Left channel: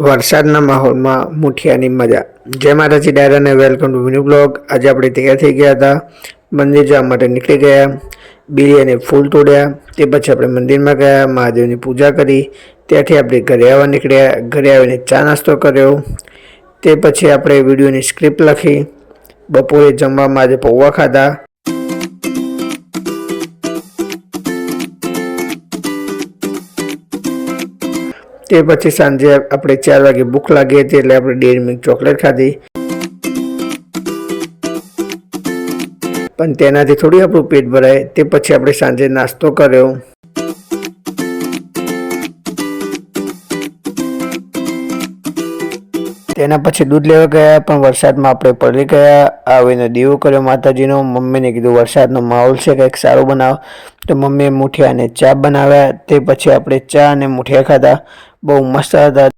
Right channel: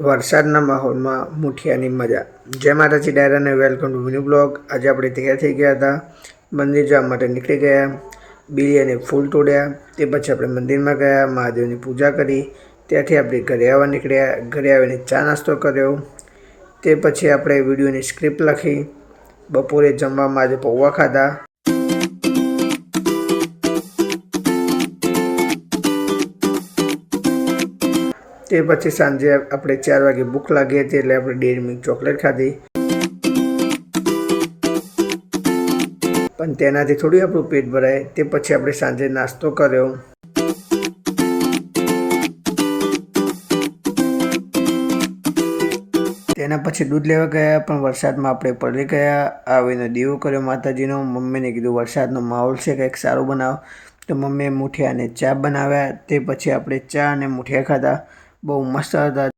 વરસાદના માહોલમાં મુઠિયાની મજા। જય માતાજી ડાયરાને વેલકમ ટુ ન્યૂ બ્લોગ। આજે આપણે તૈયાર થઈ ગયા હતા, મંદિર જવા માટે નીકળી ગયા। બીલી અને ફૂલ તોડ્યા, તે પછી આપણે મંદિરમાં ગયા, મહાદેવની પૂજા કરી, ત્યાંથી આપણે ઘરે આવવા નીકળ્યા। ઘરે આવીને ચા નાસ્તો કર્યો, તે પછી આપણે વિડીયોની સ્ક્રિપ્ટ લખી। બપોરે જમવામાં આજે પૌવા ખાધા। તે પછી સાંજે આપણે 4 વાગે ભૂખ લાગી હતી એટલે આપણે ડેરી મિલ્ક ચોકલેટ ખાધી, પણ તેનાથી થોડી આપણું પેટ ભરાય। તે પછી આપણે સાંજે નાસ્તો કર્યો। તેના પછી દૂધ લેવા ગયા, પણ વરસાદમાં આપણે પડી ગયા। આવીને દીવો કર્યો માતાજીનો। મમ્મીને કીધું વરસાદનો માહોલ છે, કંઈક સારું બનાવ, તો મમ્મીએ મુઠિયા અને ચા બનાવ્યા। તે પછી આપણે ચા અને મુઠિયા ખાધા, બહુ મસ્ત હતા।